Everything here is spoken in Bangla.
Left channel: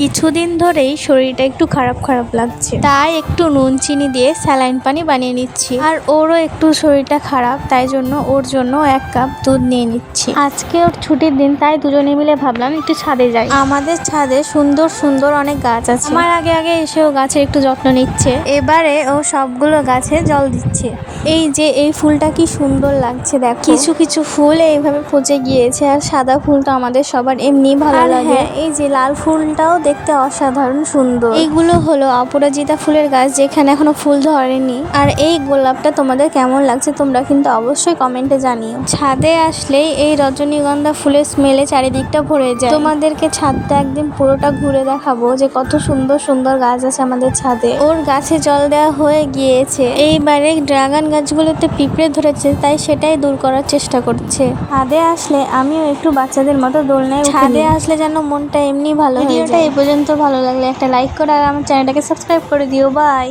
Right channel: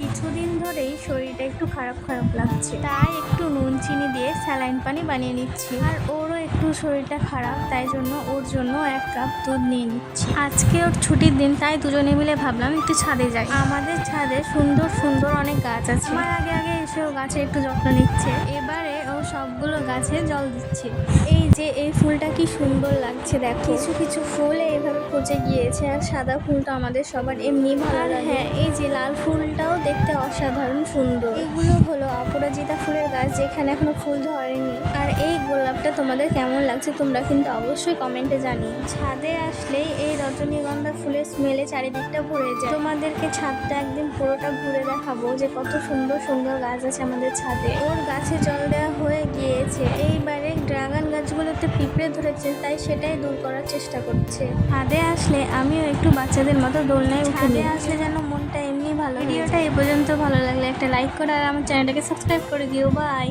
কিছুদিন ধরেই শরীরটা একটু খারাপ খারাপ লাগছে, তাই একটু নুন চিনি দিয়ে স্যালাইন পানি বানিয়ে নিচ্ছি। আর ওরও একটু শরীরটা খারাপ, তাই জন্য ওর জন্য 1 কাপ দুধ নিয়ে নিচ্ছি। আজকে ওর ছুটির দিন, তাই দুজনে মিলে ভাবলাম একটু ছাদে যাই। আমাদের ছাদে সুন্দর সুন্দর অনেক গাছ আছে। আমার আগে আগে এসে ও গাছের একটু যত্ন নিচ্ছে। এবারে ও সবগুলো গাছে জল দিচ্ছে। এই যে এই ফুলটা কি সুন্দর লাগছে দেখো। কিছু কিছু ফুল এইভাবে পচে গিয়েছে, আর সাদা ফুলটা আমাদের সবার এমনি ভালো লাগে। এই যে লাল ফুলটাও দেখতে অসাধারণ সুন্দর। এইগুলো হলো অপরাজিতা ফুলের গাছ, যেখানে এখনো ফুল ধরেনি। আর এই গোলাপটা তোমাদের কেমন লাগছে তোমরা কিন্তু অবশ্যই কমেন্টে জানিও। ছাদে আসলেই এই রজনীগন্ধা ফুলের স্মেলে চারিদিকটা ভরে যায়। তোমাদেরকে ছাদটা একদিন পুরোটা ঘুরে দেখাবো যে কত সুন্দর সুন্দর গাছ আছে আমাদের ছাদে। ওর গাছে জল দেওয়া হয়ে গিয়েছে। এইবারে ড্রাগন গাছগুলোতে পিঁপড়ে ধরেছে, তাই সেটাই দূর করার চেষ্টা করছে। ছাদে আসলে আমিও একটু বাচ্চাদের মতো দোলনায় ছাদে আসলে যেন মনটা এমনি ভালো। ভিডিওটা এই পর্যন্ত ভালো লাগলে একটা লাইক করো আর আমার চ্যানেলটাকে সাবস্ক্রাইব করে দিও। বাই।